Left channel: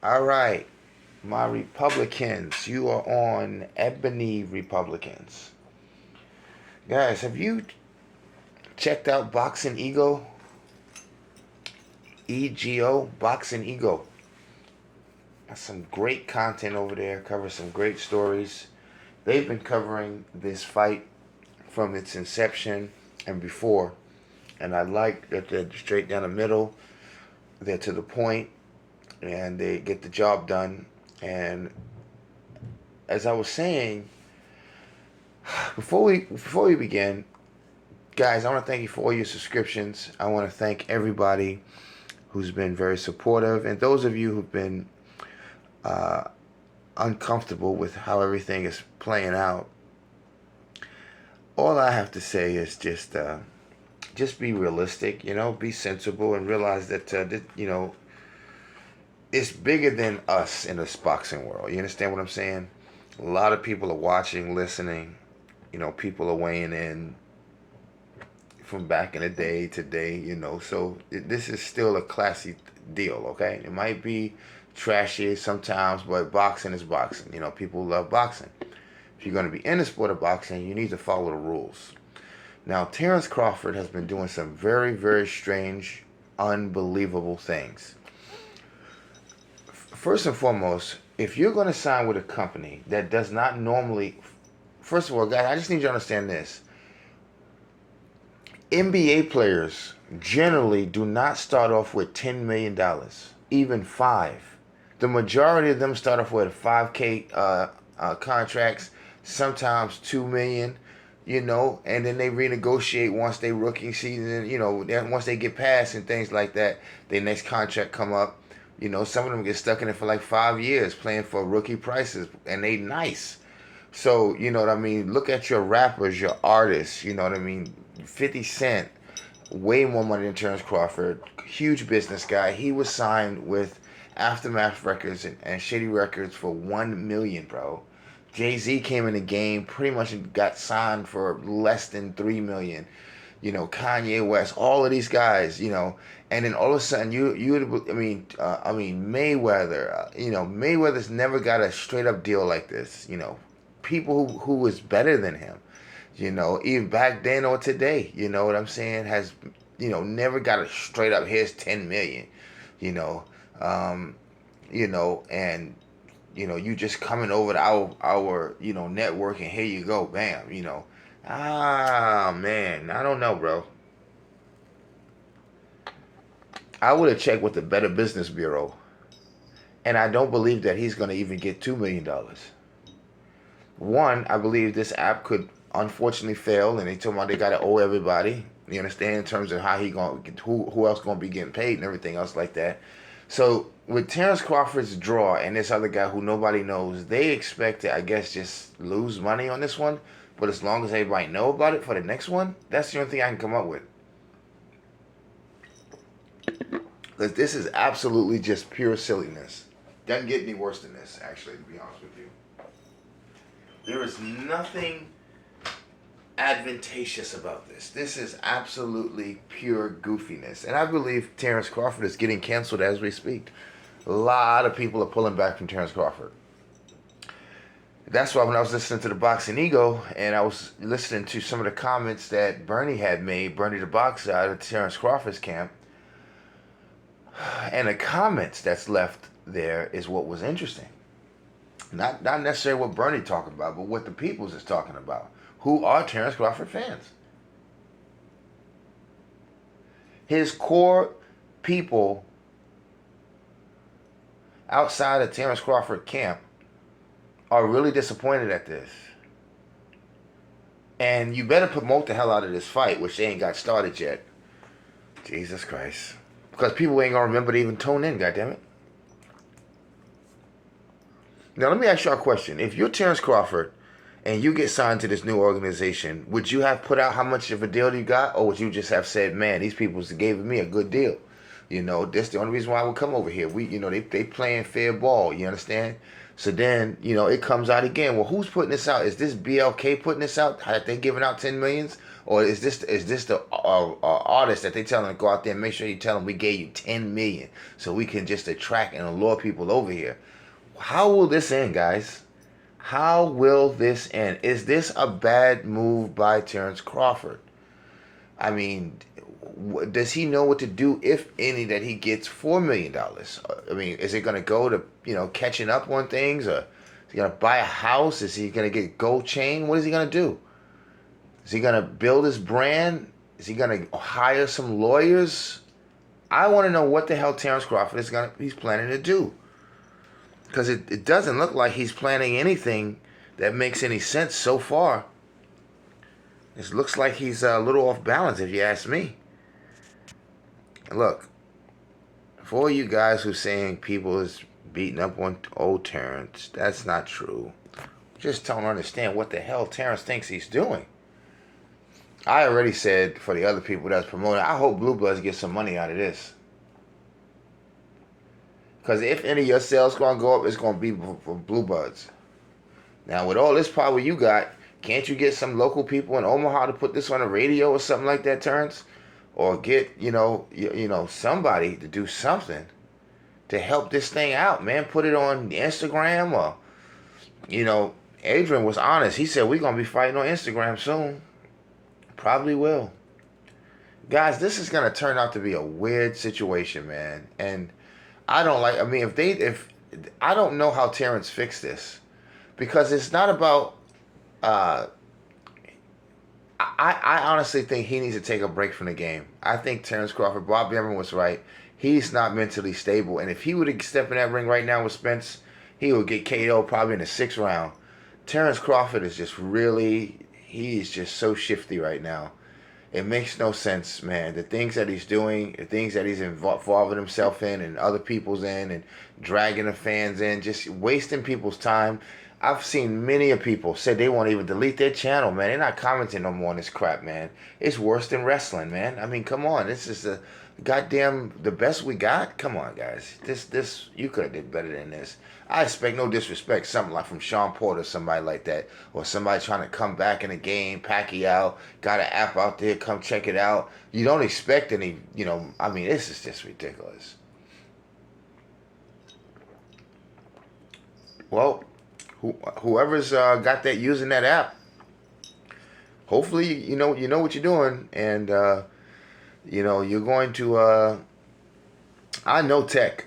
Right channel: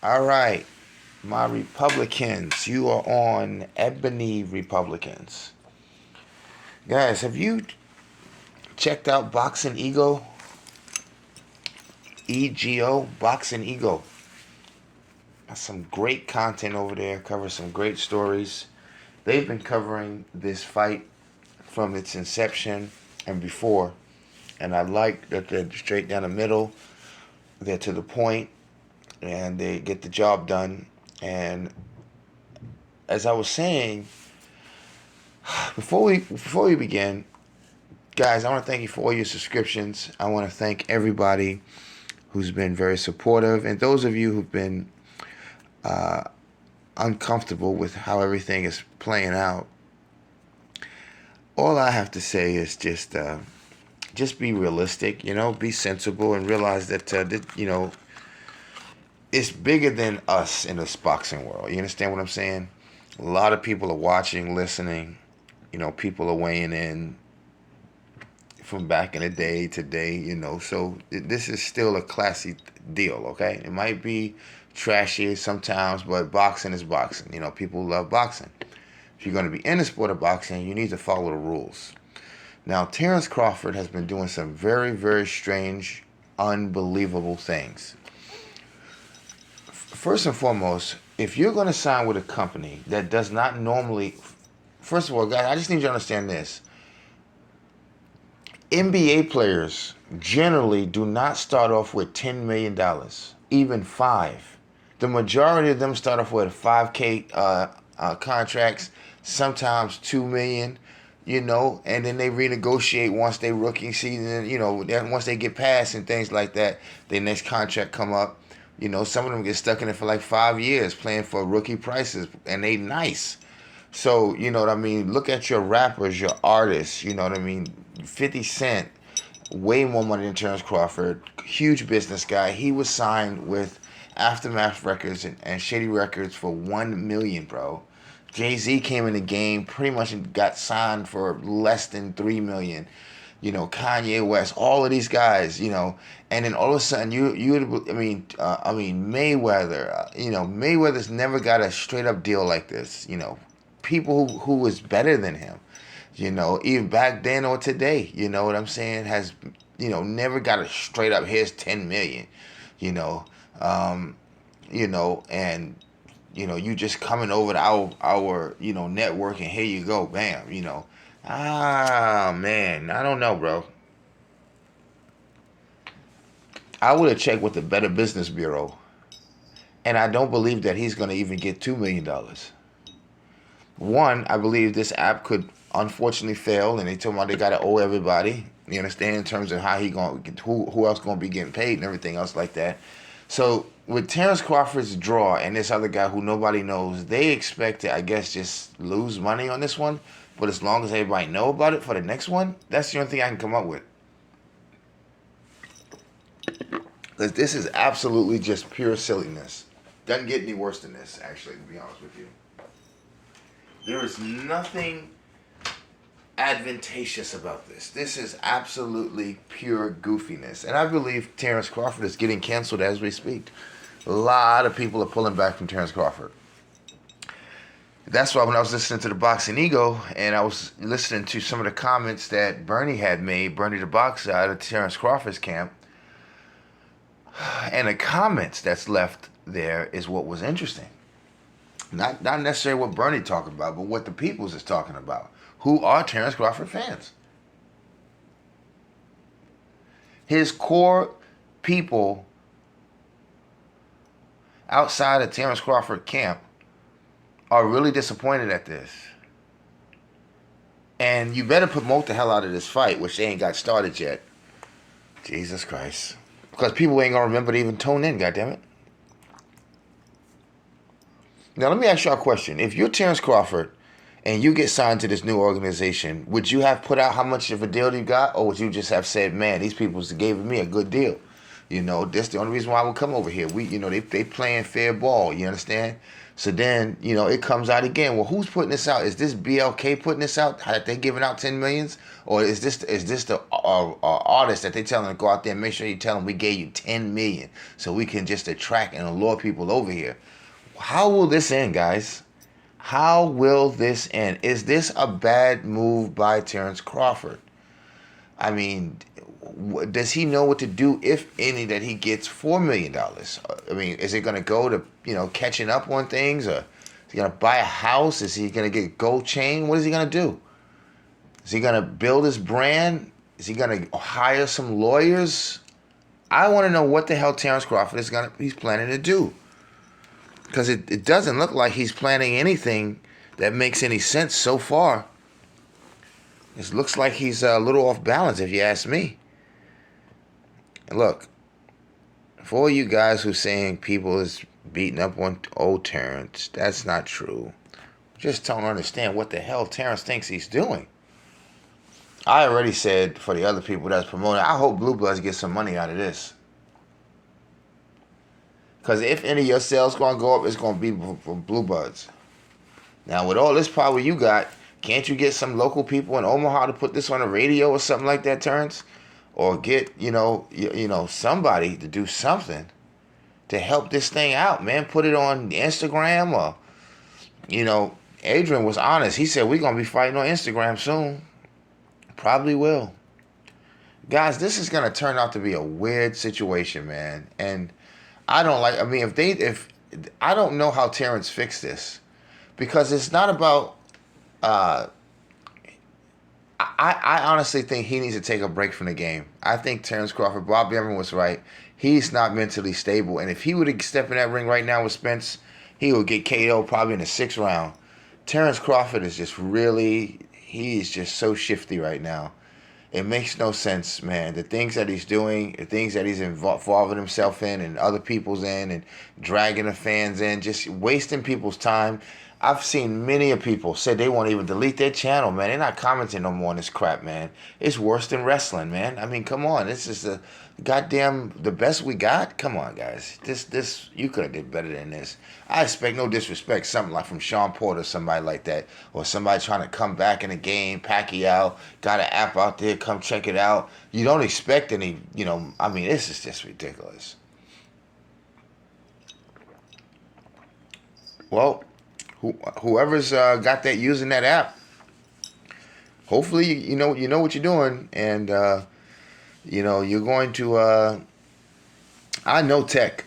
All right, my Republicans, you are on Ebony Republicans. Guys, have you checked out Boxing Ego? EGO, Boxing Ego. That's some great content over there, covers some great stories. They've been covering this fight from its inception and before. And I like that they're straight down the middle. They're to the point and they get the job done. And as I was saying, before we begin, guys, I want to thank you for all your subscriptions. I want to thank everybody who's been very supportive, and those of you who've been uh, uncomfortable with how everything is playing out. All I have to say is just be realistic, be sensible, and realize that it's bigger than us in this boxing world. You understand what I'm saying? A lot of people are watching, listening. People are weighing in from back in the day today. So this is still a classy deal. Okay, it might be trashy sometimes, but boxing is boxing. People love boxing. If you're going to be in the sport of boxing, you need to follow the rules. Now, Terence Crawford has been doing some very, very strange, unbelievable things. First and foremost, if you're going to sign with a company that does not normally, first of all, guys, I just need you to understand this. NBA players generally do not start off with $10 million, even five. The majority of them start off with 5K contracts, sometimes 2 million. And then they renegotiate once they rookie season. Once they get past and things like that, their next contract come up. Some of them get stuck in it for like 5 years playing for rookie prices, and they nice. So, you know what I mean? Look at your rappers, your artists, you know what I mean? 50 Cent, way more money than Terence Crawford, huge business guy. He was signed with Aftermath Records and Shady Records for 1 million, bro. Jay-Z came in the game, pretty much got signed for less than 3 million. Kanye West, all of these guys, and then all of a sudden Mayweather, Mayweather's never got a straight up deal like this. People who was better than him, even back then or today, you know what I'm saying, has, never got a straight up, here's 10 million, you know, um, and, you just coming over to our network, and here you go, bam, man, I don't know, bro. I would have checked with the Better Business Bureau, and I don't believe that he's going to even get $2 million. One, I believe this app could unfortunately fail, and they told me they got to owe everybody. You understand, in terms of how he going, who else going to be getting paid and everything else like that. So with Terence Crawford's draw and this other guy who nobody knows, they expect to, I guess, just lose money on this one. But as long as everybody know about it for the next one, that's the only thing I can come up with. Because this is absolutely just pure silliness. Doesn't get any worse than this, actually, to be honest with you. There is nothing advantageous about this. This is absolutely pure goofiness. And I believe Terence Crawford is getting canceled as we speak. A lot of people are pulling back from Terence Crawford. That's why when I was listening to the Boxing Ego and I was listening to some of the comments that Bernie had made, Bernie the Boxer out of Terence Crawford's camp, and the comments that's left there is what was interesting. Not necessarily what Bernie talking about, but what the peoples is talking about, who are Terence Crawford fans. His core people outside of Terence Crawford camp are really disappointed at this. And you better promote the hell out of this fight, which they ain't got started yet. Jesus Christ. Because people ain't going to remember to even tune in, goddammit. Now, let me ask you a question. If you're Terence Crawford and you get signed to this new organization, would you have put out how much of a deal you got? Or would you just have said, man, these people gave me a good deal? That's the only reason why I would come over here. They playing fair ball, you understand? So then, it comes out again. Well, who's putting this out? Is this BLK putting this out? Are they giving out 10 millions? Or is this the artist that they tell them to go out there and make sure you tell them we gave you 10 million so we can just attract and allure people over here? How will this end, guys? How will this end? Is this a bad move by Terence Crawford? I mean, does he know what to do, if any, that he gets $4 million? I mean, is it going to go to, catching up on things, or is he going to buy a house? Is he going to get a gold chain? What is he going to do? Is he going to build his brand? Is he going to hire some lawyers? I want to know what the hell Terence Crawford he's planning to do. Because it doesn't look like he's planning anything that makes any sense so far. It looks like he's a little off balance, if you ask me. Look, for all you guys who saying people is beating up on old Terence, that's not true. Just don't understand what the hell Terence thinks he's doing. I already said, for the other people that's promoting, I hope Blue Bloods get some money out of this. Because if any of your sales going to go up, it's going to be for Blue Bloods. Now, with all this power you got, can't you get some local people in Omaha to put this on the radio or something like that, Terrence? Or get, somebody to do something to help this thing out, man. Put it on Instagram, or, Adrian was honest. He said, we're going to be fighting on Instagram soon. Probably will. Guys, this is going to turn out to be a weird situation, man. And I don't I don't know how Terrence fixed this. Because it's not about, I honestly think he needs to take a break from the game. I think Terence Crawford, Bob Behrman was right. He's not mentally stable. And if he would step in that ring right now with Spence, he would get KO probably in the 6th round. Terence Crawford is he's just so shifty right now. It makes no sense, man. The things that he's doing, the things that he's involving himself in and other people's in, and dragging the fans in, just wasting people's time. I've seen many of people say they won't even delete their channel, man. They're not commenting no more on this crap, man. It's worse than wrestling, man. I mean, come on. This is the best we got. Come on, guys. This you could have did better than this. I expect no disrespect, something like from Sean Porter, somebody like that, or somebody trying to come back in the game. Pacquiao got an app out there. Come check it out. You don't expect any, I mean, this is just ridiculous. Well, whoever's got that using that app, hopefully you know what you're doing, and you're going to. I know tech.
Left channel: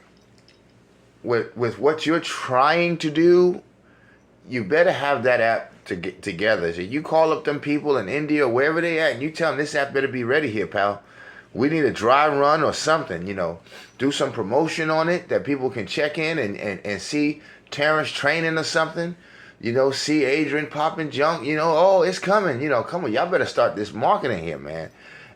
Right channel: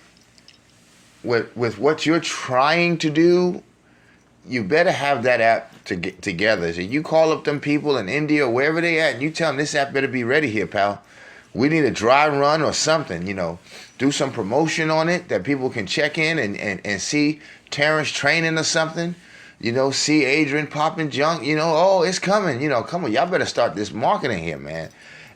With what you're trying to do, you better have that app to get together. So you call up them people in India or wherever they at, and you tell them this app better be ready here, pal. We need a dry run or something. Do some promotion on it that people can check in and see Terrence training or something. See Adrian popping junk. Oh, it's coming. Come on, y'all better start this marketing here, man.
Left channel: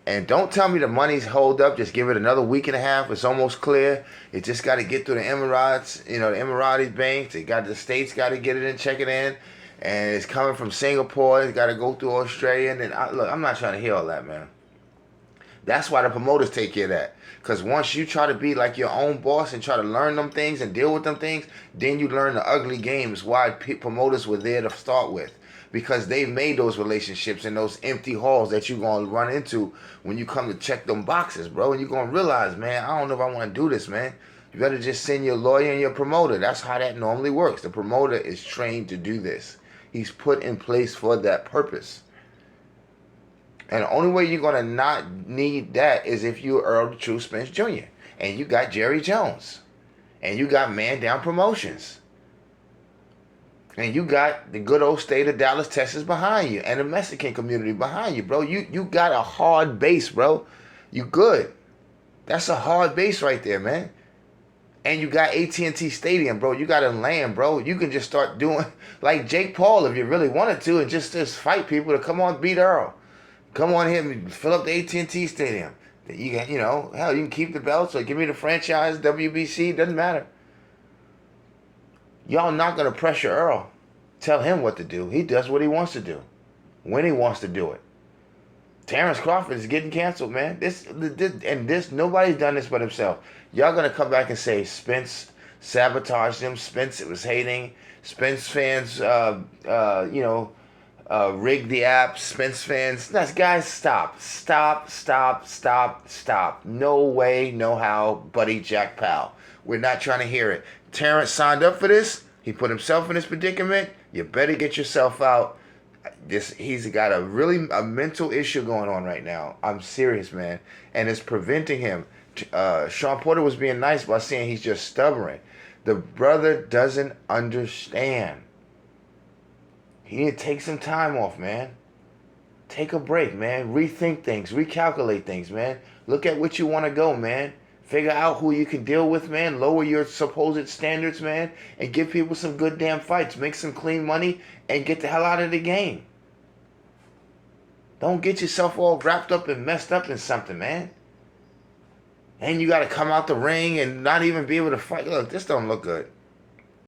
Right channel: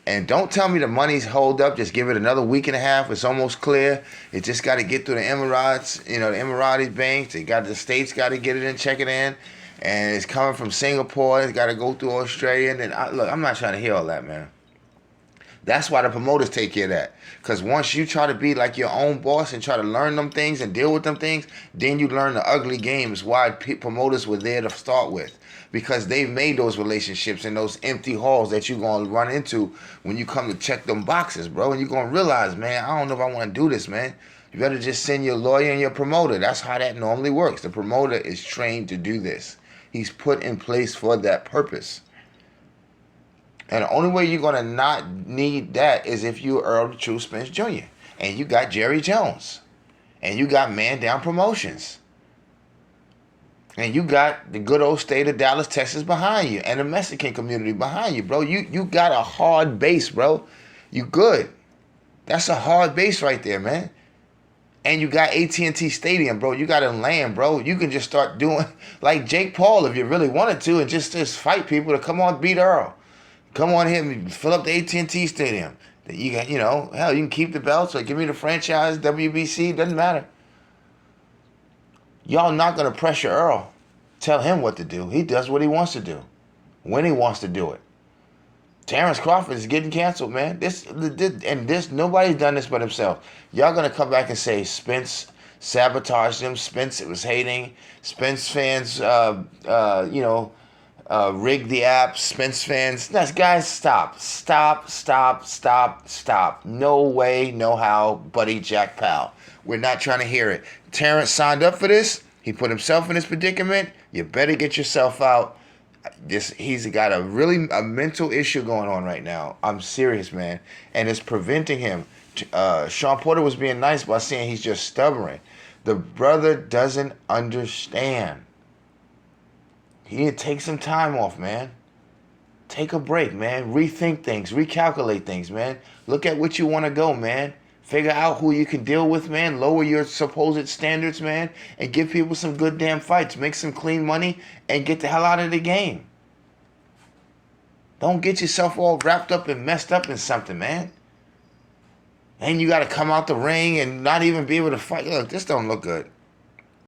And don't tell me the money's hold up. Just give it another week and a half. It's almost clear. It just got to get through the Emirates, the Emirati banks. The states got to get it in, check it in. And it's coming from Singapore. It's got to go through Australia. And look, I'm not trying to hear all that, man. That's why the promoters take care of that. Because once you try to be like your own boss and try to learn them things and deal with them things, then you learn the ugly games why promoters were there to start with. Because they've made those relationships in those empty halls that you're going to run into when you come to check them boxes, bro. And you're going to realize, man, I don't know if I want to do this, man. You better just send your lawyer and your promoter. That's how that normally works. The promoter is trained to do this. He's put in place for that purpose. And the only way you're going to not need that is if you're Earl the True Spence Jr. And you got Jerry Jones. And you got Man Down Promotions. And you got the good old state of Dallas, Texas behind you. And the Mexican community behind you, bro. You got a hard base, bro. You good. That's a hard base right there, man. And you got AT&T Stadium, bro. You got a land, bro. You can just start doing like Jake Paul if you really wanted to, and just fight people to come on beat Earl. Come on here and fill up the AT&T Stadium. You got, hell, you can keep the belts or give me the franchise, WBC, doesn't matter. Y'all not going to pressure Earl. Tell him what to do. He does what he wants to do. When he wants to do it. Terence Crawford is getting canceled, man. This nobody's done this but himself. Y'all going to come back and say Spence sabotaged him. Spence was hating. Spence fans, Rig the app, Spence fans. Guys, stop. Stop, stop, stop, stop. No way, no how, buddy Jack Powell. We're not trying to hear it. Terrence signed up for this. He put himself in this predicament. You better get yourself out. He's got a mental issue going on right now. I'm serious, man. And it's preventing him. Sean Porter was being nice by saying he's just stubborn. The brother doesn't understand. He need to take some time off, man. Take a break, man. Rethink things. Recalculate things, man. Look at what you want to go, man. Figure out who you can deal with, man. Lower your supposed standards, man. And give people some good damn fights. Make some clean money and get the hell out of the game. Don't get yourself all wrapped up and messed up in something, man. And you got to come out the ring and not even be able to fight. Look, this don't look good.